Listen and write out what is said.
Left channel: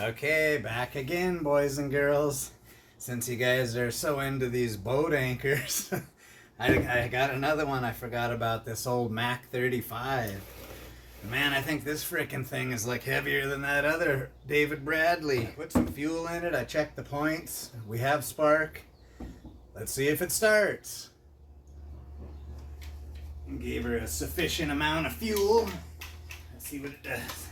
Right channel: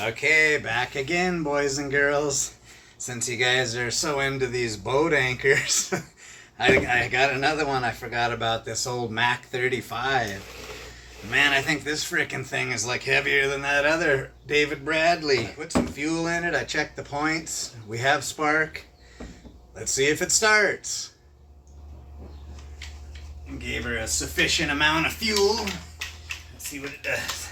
Okay, back again, boys and girls. Since you guys are so into these boat anchors, I got another one. I forgot about this old Mac 35. Man, I think this frickin' thing is like heavier than that other David Bradley. I put some fuel in it. I checked the points. We have spark. Let's see if it starts. Gave her a sufficient amount of fuel. Let's see what it does.